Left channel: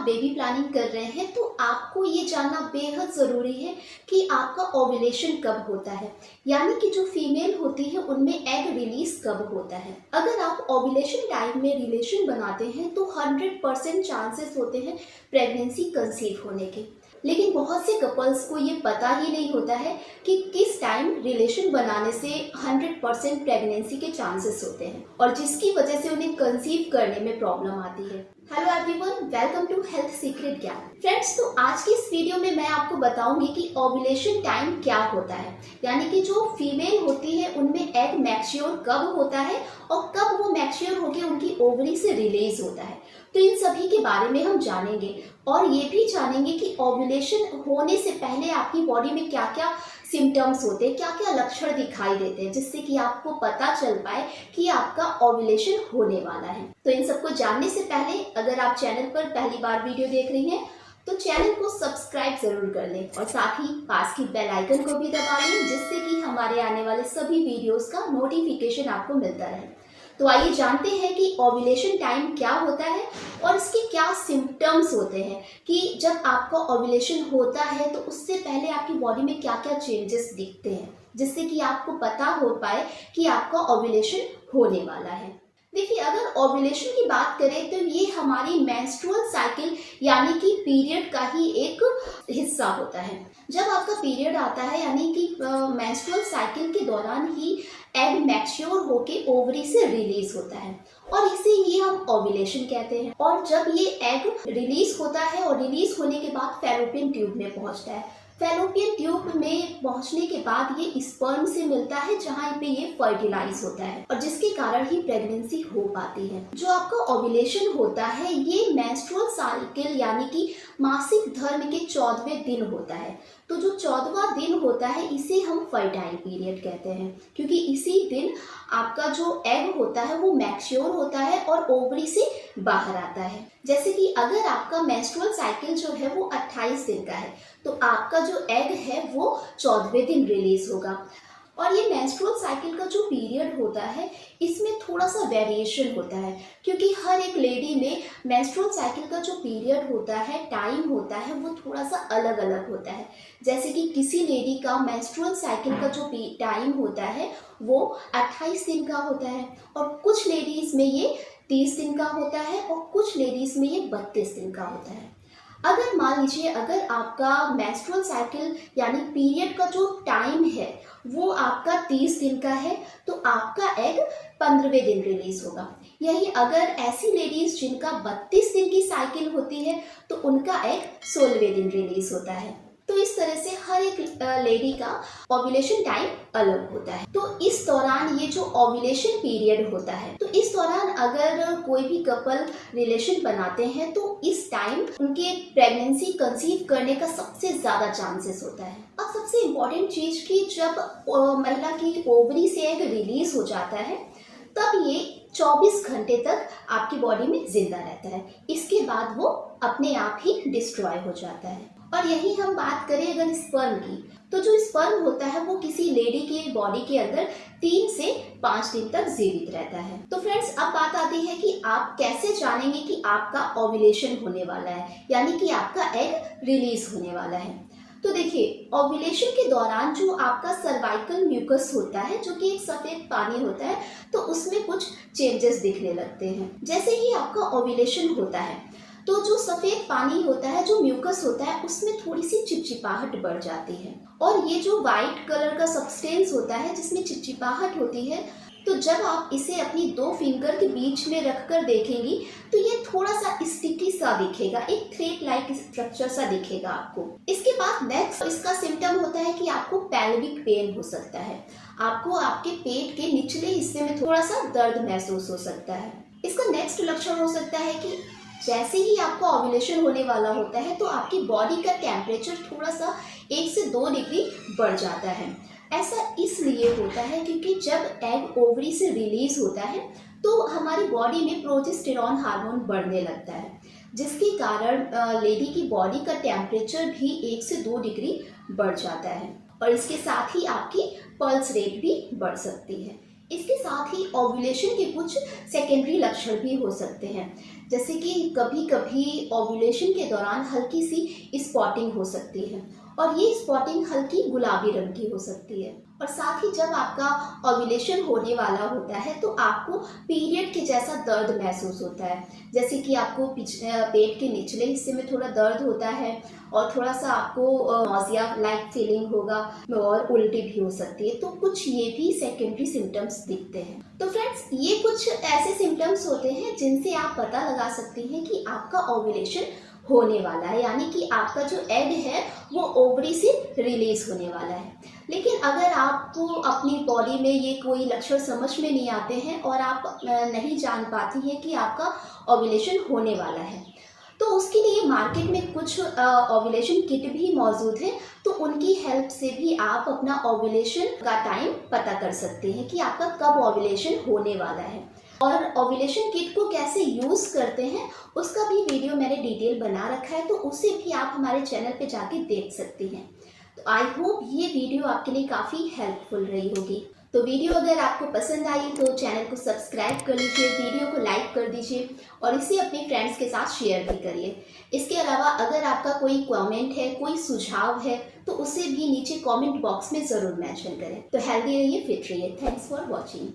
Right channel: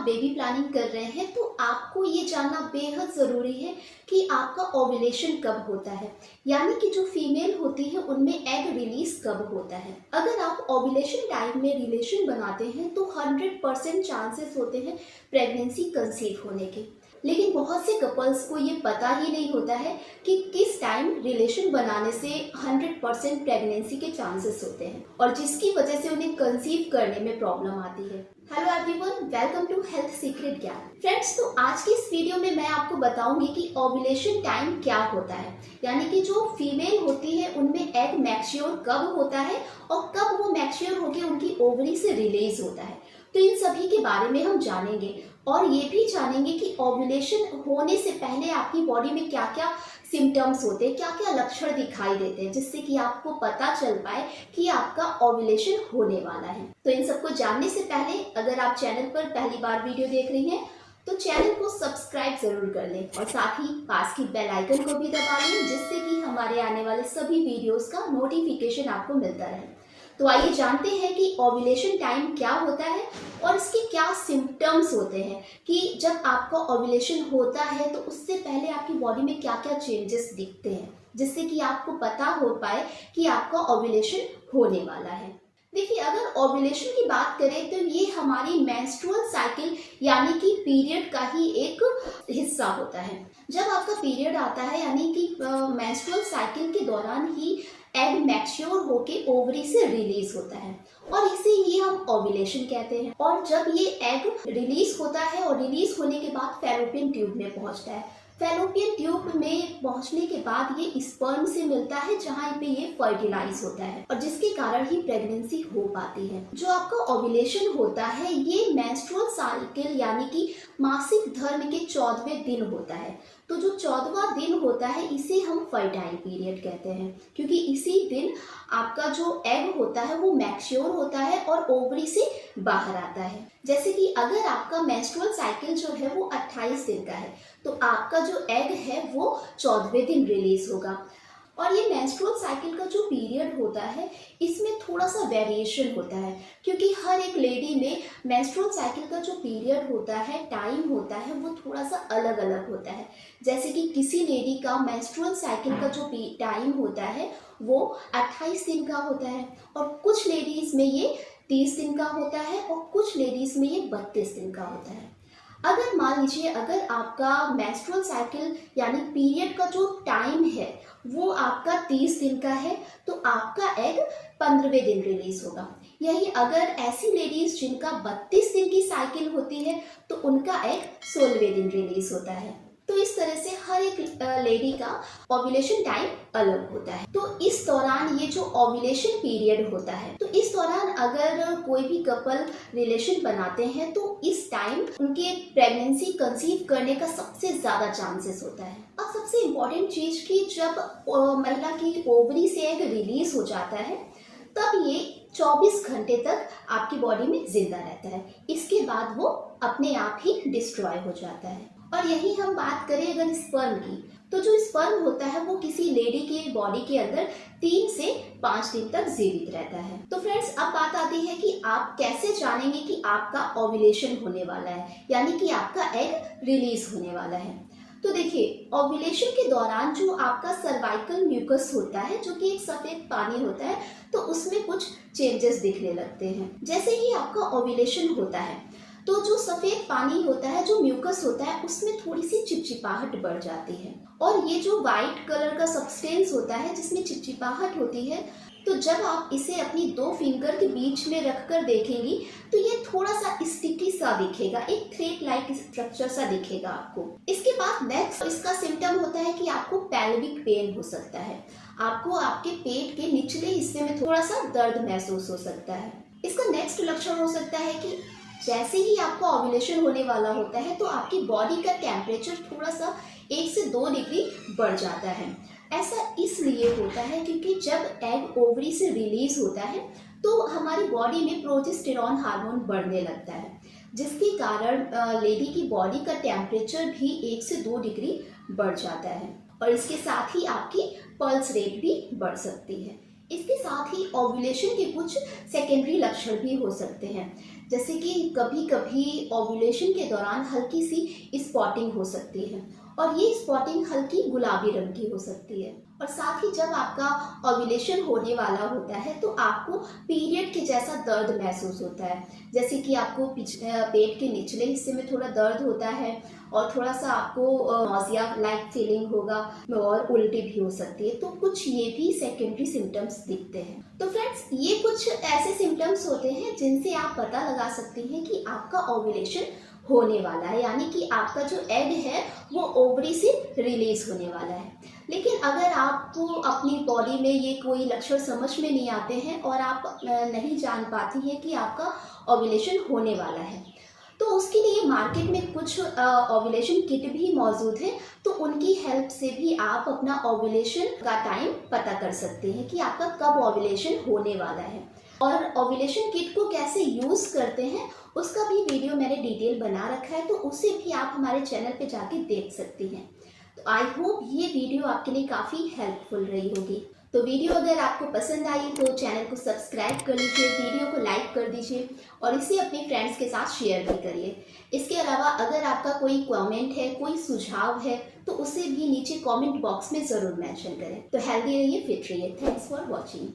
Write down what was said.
आप baby planning कर रहे हैं तो आपको ये जानना बेहद ज़रूरी है कि आपका ओव्यूलेशन कब होता है, यानी कि जो फीमेल होती है उनमें एग रिलीज कब होता है। अगर आप ओव्यूलेशन टाइम में रिलेशन बनाते हैं तो 100% चांसेस होते हैं प्रेगनेंसी कंसीव होने के। लेकिन बहुत से कपल्स को ये पता ही नहीं होता है कि किस टाइम रिलेशन बनाने से 100% प्रेगनेंसी के चांसेस होते हैं और जिसकी वजह से उन्हें कंसीव करने में प्रॉब्लम आती है। Hello everyone, welcome to health secret ज्ञान। फ्रेंड्स, तो आज की इस वीडियो में मैं आपको बताऊंगी कि ओव्यूलेशन टाइम क्या होता है, यानी कि जो फीमेल होती है उनमें एग मैच्योर कब होता है और कब वो मैच्योर होकर उनकी ओवरी से रिलीज होता है। तो इन सभी के बारे में हम जानेंगे और ये भी जानेंगे कि ओव्यूलेशन होने से पहले आपकी बॉडी में क्या क्या सिम्टम्स होते हैं, क्या क्या लक्षण दिखाई देते हैं, जिससे कि आपको पता चल पाए कि आपका ओव्यूलेशन होने वाला है। तो इन सबको जानने से पहले अगर आप चैनल पर पहली बार वीडियो देख रही हैं तो चैनल को सब्सक्राइब जरूर कर लें और साथ ही पास की बेल आइकन को भी दबा लें, जिससे कि हमारे आने वाले सभी वीडियोस का नोटिफिकेशन आपको मिलता रहे। तो आइए जानते हैं कि ओव्यूलेशन टाइम क्या होता है और इसके क्या सिम्टम्स होते हैं कि जब आपका ओव्यूलेशन होता है तो उससे पहले आपकी बॉडी में क्या क्या चेंजेस दिखते हैं, जिससे कि आपको पता हो पाए कि आपका ओव्यूलेशन होने वाला है। देखिए, अगर ओव्यूलेशन की बात करें तो ये हमारी मेंस्ट्रुअल साइकिल यानी कि पीरियड का ही एक हिस्सा होता है। जब आपका पीरियड आता है यानी कि मेंस्ट्रुअल साइकिल के दौरान ही एग मैच्योर होके ओवरी से रिलीज होता है और इसे ही हम ओव्यूलेशन कहते हैं। और जब ये एग रिलीज होता है और रिलीज होने के बाद फैलोपियन ट्यूब में पहुंचता है। फैलोपियन ट्यूब में पहुंचने के बाद ये स्पर्म से मिलता है, जहां पे ये फर्टिलाइज होता है और जिसके कारण ही प्रेगनेंसी हो पाती है। जो आपका ओव्यूलेशन होता है ये मेंस्ट्रुअल साइकिल यानी कि मासिक धर्म के 14वें दिन होता है। तो जो 14वां दिन होता है इसे हम फर्टाइल पीरियड कहते हैं, क्योंकि इसी दिन आपका जो एग होता है वो मैच्योर होता है और ओवरी से बाहर आता है। जैसे कि अगर आपका मेंस्ट्रुअल साइकिल जो है वो 28 दिन का है तो आपका जो एग है वो 14वें दिन रिलीज होगा। और ये मेंस्ट्रुअल साइकिल का जो पीरियड होता है इसमें थोड़ा सा वेरिएशन होता है, क्योंकि हर एक लेडी में मेंस्ट्रुअल साइकिल का जो पीरियड होता है, टाइम होता है, वो थोड़ा सा अलग अलग होता है। जैसे कि किसी लेडी का मेंस्ट्रुअल साइकिल का जो टाइम होता है वो 28 दिन का होता है और कुछ लेडीज में ये 30 दिन का होता है और कुछ लेडीज में ये 32 दिन का होता है। अगर मान लीजिए अगर आपका मेंस्ट्रुअल साइकिल यानी पीरियड का जो टाइम है वो आपका 30 दिन का है तो आपका एग 15वें दिन रिलीज होगा। यही अगर ऐसी लेडीज जिनका 32 दिन की साइकिल होती है तो उनका एग 16वें दिन रिलीज होता है। तो इस तरह से हर एक लेडी का ओव्यूलेशन टाइम अलग होता है। तो इस दौरान ये जो ओव्यूलेशन पीरियड होता है तो इस दौरान अगर कोई भी कपल रिलेशन बनाते हैं तो इस टाइम उनके प्रेगनेंसी कंसीव करने का सबसे ज्यादा चांसेस होता है। अब सबसे इम्पोर्टेंट चीज कि जब महिला की ओवरी से एग रिलीज हो जाता है तब ये 24 घंटे तक आपकी बॉडी में जिंदा रहता है। इसके बाद वो अपने आप ही डिस्ट्रॉय हो जाता है। और यही हम बात करें अगर स्पर्म की, तो जो स्पर्म होता है वो किसी लेडी के बॉडी के अंदर 3 से 5 दिन तक जीवित रहता है। तो फ्रेंड्स, अब बात आती है कि आप कैसे जानेंगे कि आपका ओव्यूलेशन होने वाला है, यानी कि आपका एग रिलीज होने वाला है। तो देखिए, ओव्यूलेशन के दौरान जो आपका सर्वाइकल म्यूकस होता है जो कि एक सफेद पानी होता है तो उसमें कुछ चेंजेस दिखने लगते हैं। जैसे ही आपका ओव्यूलेशन होता है तो जो सफेद पानी होता है, जो म्यूकस होता है, उसमें थोड़ी सी चिपचिपाहट बढ़ जाती है और ये जो व्हाइट कलर का सब्सटेंस होता है जिसमें चिपचिपाहट होती है, तो जब आप इसे अपनी 2 फिंगर के बीच में रखकर देखेंगी तो ये थोड़ा सा स्टिकी सा दिखेगा, एक थ्रेड लाइक स्ट्रक्चर सा दिखेगा आपको। इसके बाद नेक्स्ट इसका सिम्टम होता है कि आपको पेल्विक पेन हो सकता है, आपको आपके पेट के निचले हिस्से में थोड़ा सा दर्द महसूस हो सकता है। इसका नेक्स्ट लक्षण हो सकता है कि जैसे ही आपका ओव्यूलेशन होने वाला होता है तो आपकी बॉडी का टेम्परेचर थोड़ा सा 1 से 2 डिग्री बढ़ जाता है। ऐसा इसलिए होता है क्योंकि जब एग ओवरी से रिलीज होता है तो हमारी बॉडी में प्रोजेस्टेरॉन हार्मोन बढ़ने लगता है, जिसके कारण लेडी की बॉडी का टेम्परेचर भी 1 से 2 डिग्री बढ़ जाता है और इसके साथ ही आपकी पल्स रेट भी बढ़ सकती है। इसके साथ ही ओव्यूलेशन के कुछ सेकेंडरी लक्षण भी हो सकते हैं, जैसे कि कभी कभी ओव्यूलेशन के दौरान हल्की सी स्पॉटिंग हो सकती है और ये स्पॉटिंग हल्की गुलाबी रंग की हो सकती है। और साथ ही जब आपका ओव्यूलेशन होने वाला होता है तो आपको पीरियड के जैसा दर्द महसूस होता है, जैसे कि आपको पेट के निचले हिस्से में थोड़ा दर्द होता है और थोड़ा सा आपको नॉजिया लाइक फीलिंग होगा और उल्टी भी हो सकती है। तो कुछ ये भी सेकेंडरी सिम्टम्स दिखते हैं। तो फ्रेंड्स, ये कुछ ऐसे सिम्टम्स होते हैं जिनसे आप पता लगा सकते हैं कि आपका ओव्यूलेशन होने वाला है, यानी कि आपका जो एग है वो ओवरी से रिलीज होने वाला है। लेकिन अगर आपको अपनी बॉडी में ये कोई लक्षण समझ में नहीं आते हैं और आप नहीं जान पाती हैं कि आपका ओव्यूलेशन होने वाला है, तो उसके लिए मार्केट में कुछ ओव्यूलेशन किट भी मौजूद है। तो उनकी हेल्प से भी आप अपना ओव्यूलेशन का टाइम पता कर सकते हैं कि आपका कब ओव्यूलेशन होने वाला है। और ओव्यूलेशन किट को कैसे यूज करते हैं उसका भी वीडियो मैंने डिटेल बना रखा है, तो उसे भी आप हमारे चैनल पे जाके देख सकती हैं। तो आई होप ये वीडियो आपके लिए काफ़ी हेल्पफुल रही होगी। तो वीडियो अगर आपको पसंद आई तो चैनल को सब्सक्राइब कर लीजिए, वीडियो को लाइक कर दीजिए और इसे अपने फ्रेंड्स के साथ शेयर भी करिए। इसके अलावा अगर आपका कोई कमेंट है, कोई सुझाव है, तो उसे भी नीचे कमेंट बॉक्स में ज़रूर मेंशन करें। तो हेल्दी रहिए, फिट रहिए। Thanks for watching.